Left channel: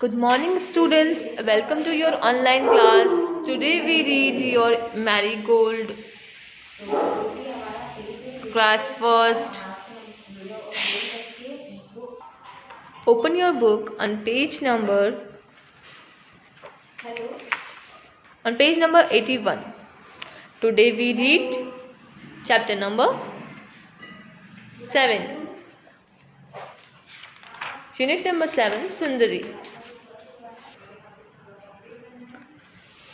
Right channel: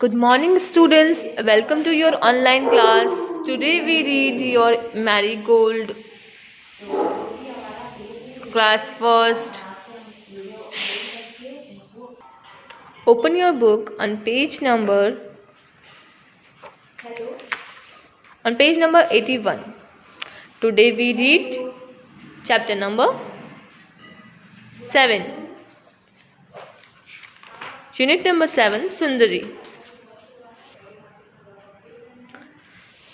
Good morning, students. Welcome to your online class. Today we read your Marigold class first. Open your book on page number 81. Today we read chapter number 7. Unit number 7, Sundari.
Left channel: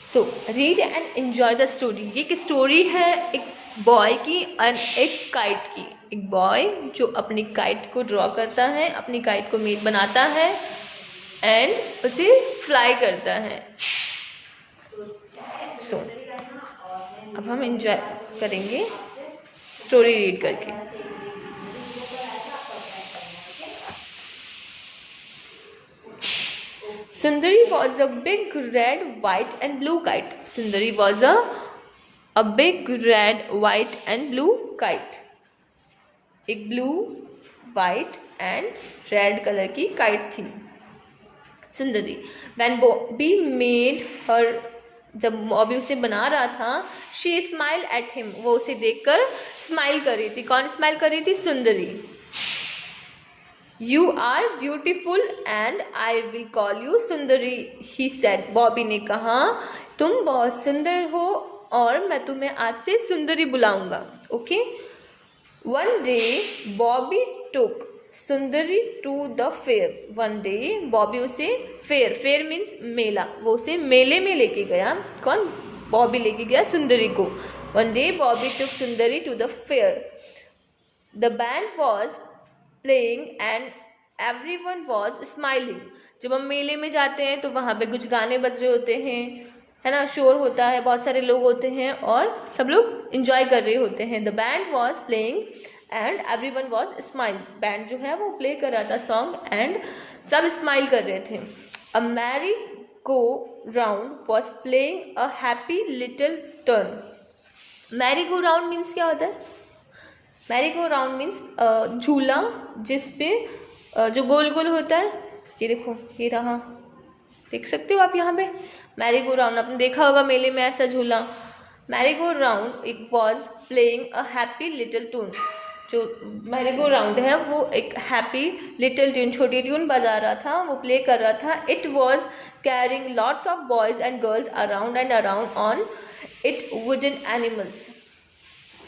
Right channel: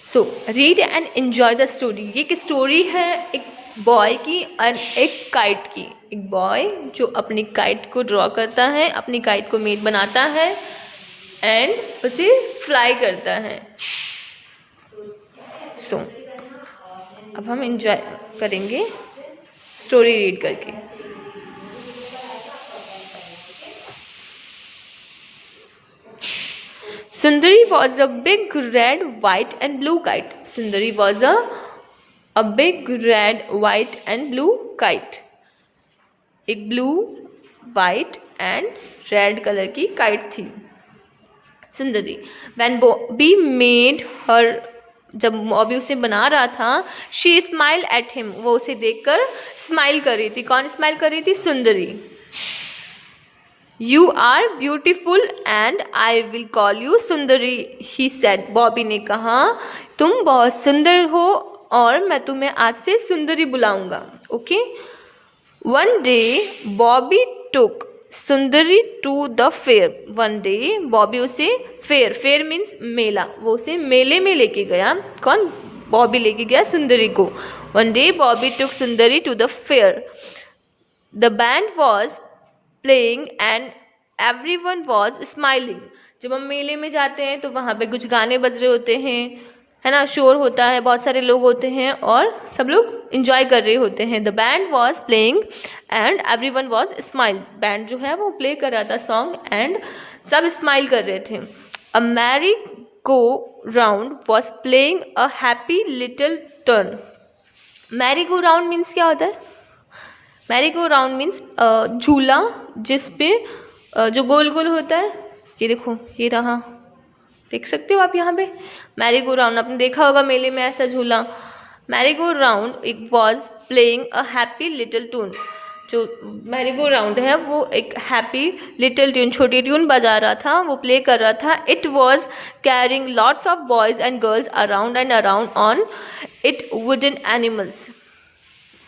So read and enjoy the story. ये एक story है एक boy की और एक kite की। एक boy जो अपनी काइट को ड्रॉ करता है, अपनी काइट को मेड बनाता है एंड उसे फ्लाई करता है। सो अब हम एंजॉय करेंगे स्टोरी रीड करके। Sundari was a big red, white and blue kite. Sundari was a big red, white and blue kite. एक blue, white and red color की kite थी सुंदरी। When Bobby made her, जब बॉबी उसे बना रहा था, she smiled at him. वो उसे देखकर स्माइल कर रही थी। कौन स्माइल कर रही थी? सुंदरी। You are beautiful and I will call you Sundari, he said. Bobby ने कहा तुम बहुत सुंदर हो और मैं तुम्हें आज से सुंदरी बुलाऊंगा। Okay. One day Bobby took Sundari to the fair. One day Bobby उसे फेयर मीन्स मेला, वो उसे मेले में लेके गया। कौन? बॉबी लेके गया सुंदरी को। One day Bobby took Sundari to the fair. The band was playing and everyone was smiling. जब हम मेले में जाते हैं तो वहाँ पे कुछ गाने बज रहे होते हैं, है ना, शोर होता है, बहुत सारे लोग होते हैं और सब लोग इंजॉय कर रहे होते हैं। The band was playing and everyone was smile. Band जो है वो प्ले कर रहा था सॉन्ग एंड सब स्माइल कर रहे थे। A merry-go-round was playing a happy little tune. merry-go-round means क्या होता है? मैरी गो राउंड मीन्स झूला जिस पे जो गोल गोल होता है। ये देखो, ये रहा, देख सकते हो आप यहाँ पे मैरी गो राउंड। आपने देखा होगा मेले में ऐसा झूला। Merry go round it was playing a happy little tune. जो मैरी गो राउंड है वो एक हैप्पी लिटिल ट्यून, छोटी ट्यून बजा रहा था, वो प्ले कर रहा था। It was carrying lots of boys and girls around and around on it wouldn't animals.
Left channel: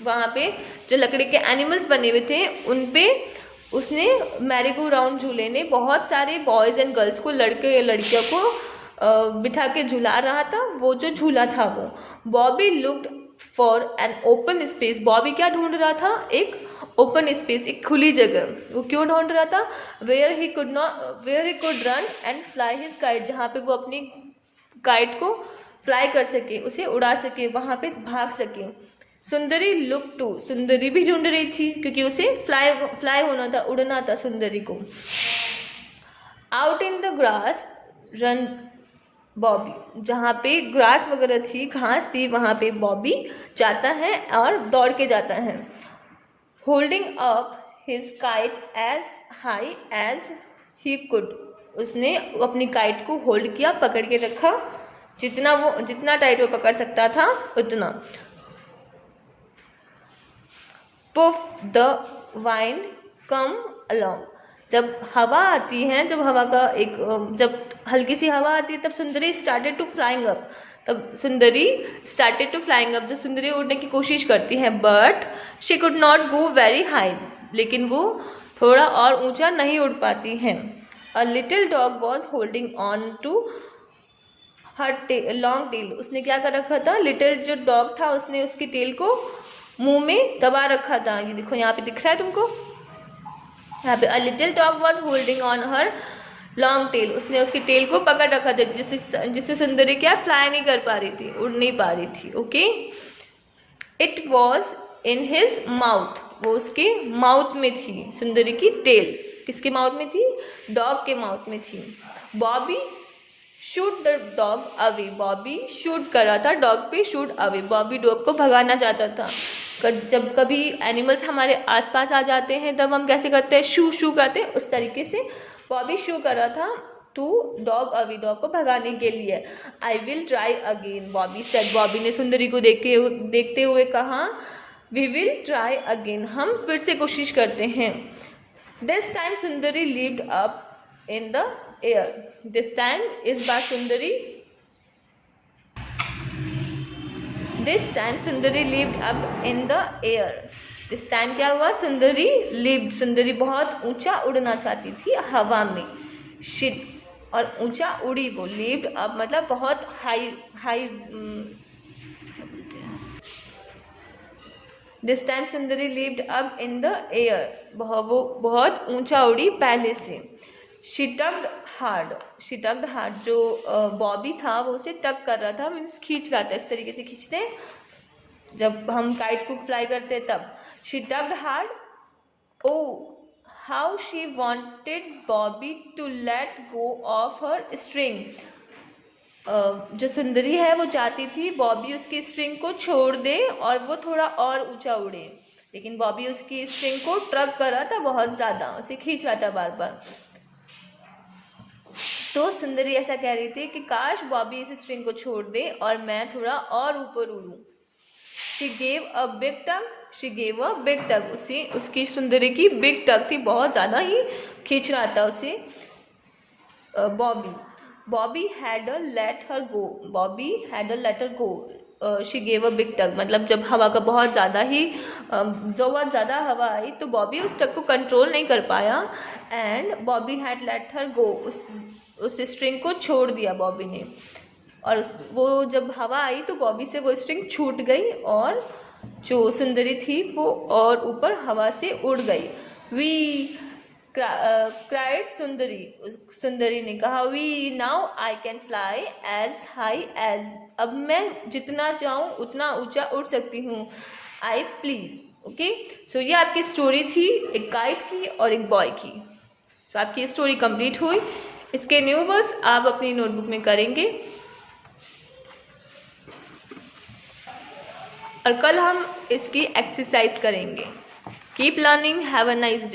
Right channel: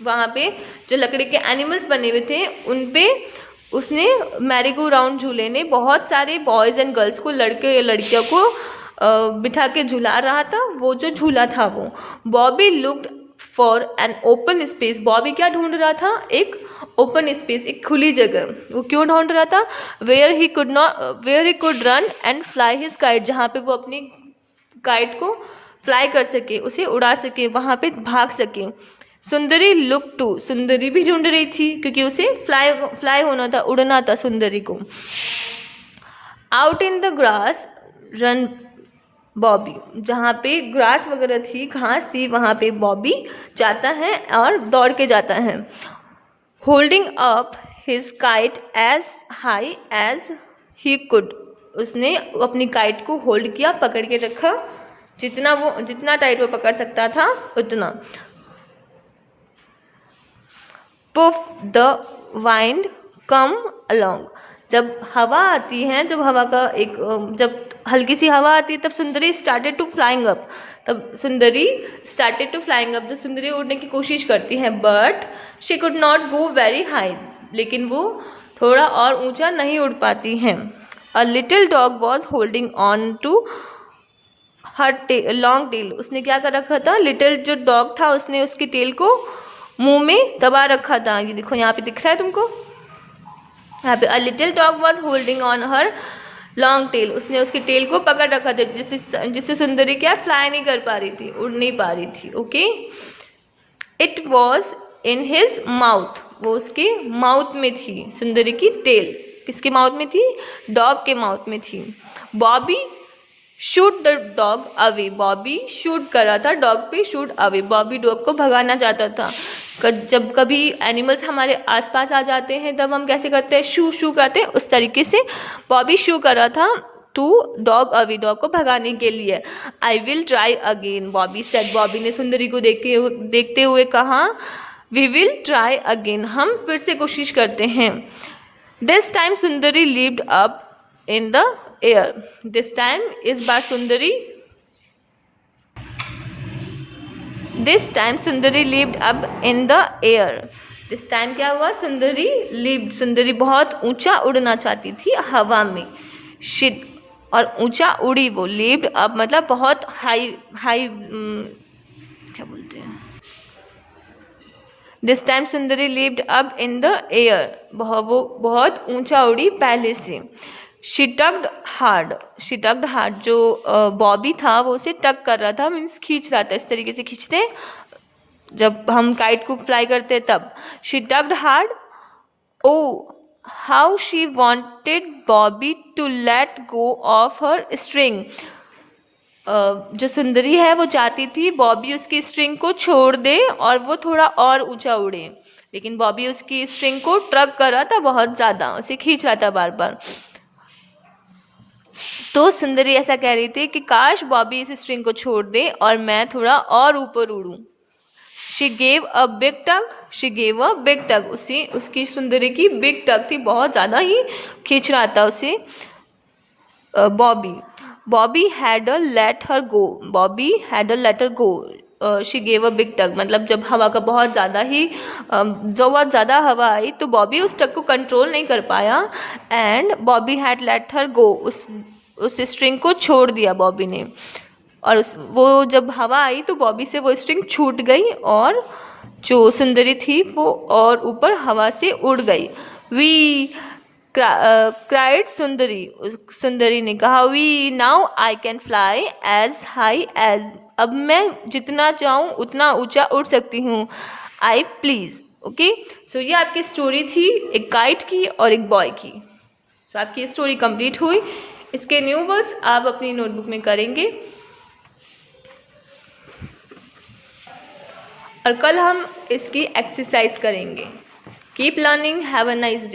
वहाँ पे जो लकड़ी के एनिमल्स बने हुए थे उन पे उसने मैरी गो राउंड झूले ने बहुत सारे बॉयज़ एंड गर्ल्स को, लड़के या लड़कियों को बिठा के झुला रहा था। वो जो झूला था वो। Bobby looked for an open space. Bobby क्या ढूंढ रहा था? एक ओपन स्पेस, एक खुली जगह। वो क्यों ढूंढ रहा था? Where he could run and fly his kite. जहाँ पे वो अपनी काइट को फ्लाई कर सके, उसे उड़ा सके, वहाँ पे भाग सके। सुंदरी लुक टू। सुंदरी भी ढूंढ रही थी क्योंकि उसे फ्लाई होना था, उड़ना था सुंदरी को। Out in the grass run Bobby. जहाँ पे ग्रास वगैरह थी, घास थी, वहाँ पे बॉबी जाता है और दौड़ के जाता है। Holding up his kite as high as he could. उसने अपनी काइट को होल्ड किया, पकड़ के रखा, जितना टाइट वो पकड़ सकता था उतना। Puff the wind come along. जब हवा आती है, जब हल्की सी हवा आती है तब सुंदरी स्टार्टेड टू फ्लाइंग अप। तब सुंदरी स्टार्टेड टू फ्लाइंग अप, तो सुंदरी उड़ने की कोशिश करती है। But she could not go very high. लेकिन वो थोड़ा और ऊंचा नहीं उड़ पाती है। A little dog was holding on to her long tail. उसने क्या कर रखा था? लिटिल जो डॉग था उसने उसकी टेल को मुंह में दबा रखा था। ये देखो यहाँ पे दिख रहा है तुमको, यहाँ पे अ little dog was holding on her long tail. उसने उसकी टेल को पकड़ रखा था जिससे सुंदरी क्या फ्लाई नहीं कर पा रही थी, उड़ नहीं पा रही थी। Okay. It was in his mouth. वो उसके माउथ में थी। सुंदरी की टेल किसके माउथ में थी? डॉग के माउथ में थी। Bobby shoot the dog away. Bobby shoot कर रहा था डॉग पे, शूट अवे। बॉबी डॉग को भगाना चाहता था। जब कभी एनिमल्स हमारे आसपास आ जाते हैं तब हम कैसे करते हैं? शू शू करते हैं, उस तरीके से बॉबी शू कर रहा था टू डॉग अवे, डॉग को भगाने के लिए। I will try again Bobby said, Bobby ने सुंदरी को देखते हुए कहा। वी विल ट्राई अगेन, हम फिर से कोशिश करते हैं। This time Sundari lived up in the air, this time इस बार सुंदरी, this time Sundari lived up in the air, this time क्या हुआ, सुंदरी लिव्ड, सुंदरी बहुत ऊंचा उड़ना चाहती थी हवा में, शिट और ऊंचा उड़ी वो, लिव्ड अप मतलब बहुत हाई हाई क्या बोलते हैं, this time Sundari lived up in the air, वो बहुत ऊंचा उड़ी पहले से। She tucked hard, she tucked hard, जो बॉबी था वो उसे टक कर रहा था, मीन्स खींच रहा था, इस तरीके से खींचते हैं जब हम काइट को फ्लाई करते तब। She tucked hard, oh how she wanted Bobby to let go off her string, जो सुंदरी है वो चाहती थी बॉबी उसकी स्ट्रिंग को छोड़ दे और वो थोड़ा और ऊंचा उड़े, लेकिन बॉबी उसकी स्ट्रिंग को ट्रक कर रहा था बहुत ज़्यादा, उसे खींच रहा था बार बार। तो सुंदरी ऐसा कह रही थी कि काश बॉबी इस स्ट्रिंग को छोड़ दे और मैं थोड़ा और ऊपर उड़ूं। She gave a big tug, she gave a big tug, उसकी सुंदरी की बिग टग थी, बहुत ज़्यादा ही खींच रहा था उसे Bobby. Bobby had a let her go, Bobby had a let her go, she gave a big tug, मतलब जब हवा का बहुत ज़्यादा ही बहुत ज़्यादा हवा आई तो बॉबी उस टग को कंट्रोल नहीं कर पाया, and Bobby had let her go, उस स्ट्रिंग को छोड़ दिया बॉबी ने, और वो जब हवा आई तो बॉबी से वो स्ट्रिंग छूट गई और जो सुंदरी थी वो और ऊपर हवा से उड़ गई। वी क्राइड सुंदरी, सुंदरी ने कहा, we now I can fly as high as, अब मैं जितना चाहूँ उतना ऊंचा उड़ सकती हूँ, आई प्लीज। ओके, सो ये आपकी स्टोरी थी एक काइट की और एक बॉय की। सो आपकी स्टोरी कंप्लीट हुई। इसके न्यू वर्ड्स आप अपनी नोटबुक में करेंगे और कल हम इसकी एक्सरसाइज करेंगे। Keep learning, have a nice day.